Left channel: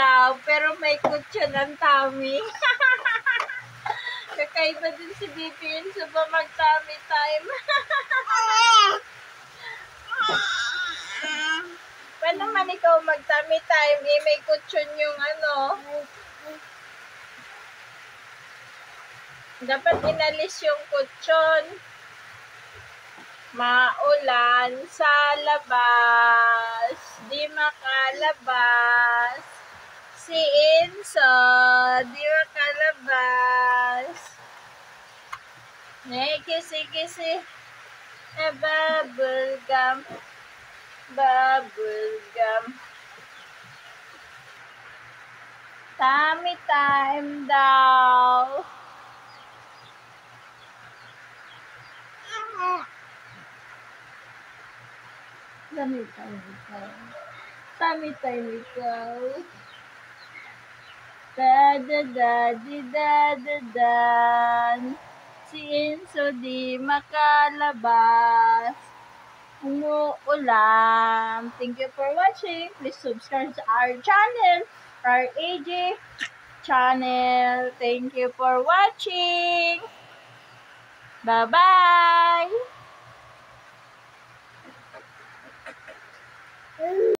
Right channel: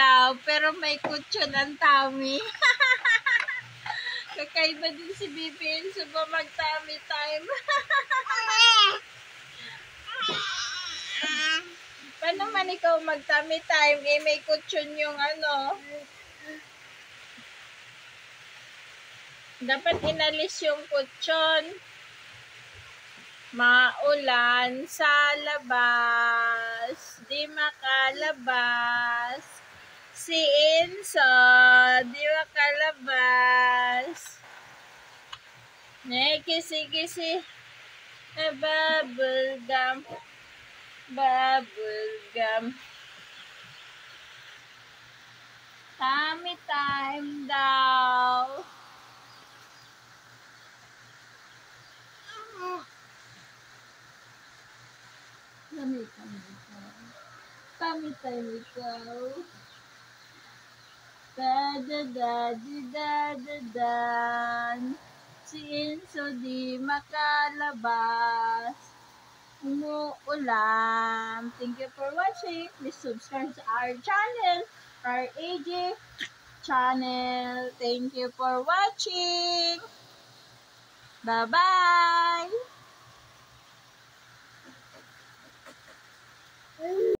daw, pero may kutso ng tummy. Kakaiba din si BBN so ba mag-tummy time? Paano man ikaw mag-tummy time? Eh, may kutsyon yung ano. Dapat inalis yung kutsyon. Maulan sa labas, di makalabas. Si Enzo, di makalabas. Kisi-kisi. Bubble gum. Bubble gum. Tummy time daw. Tummy time ikaw. Tummy time ikaw. Da-da-da-di-da-da-dan. Si Enzo di makalabas. Umuulan. Thank you for watching. Please subscribe to our channel, our AJ channel. Thank you for watching. Bye-bye.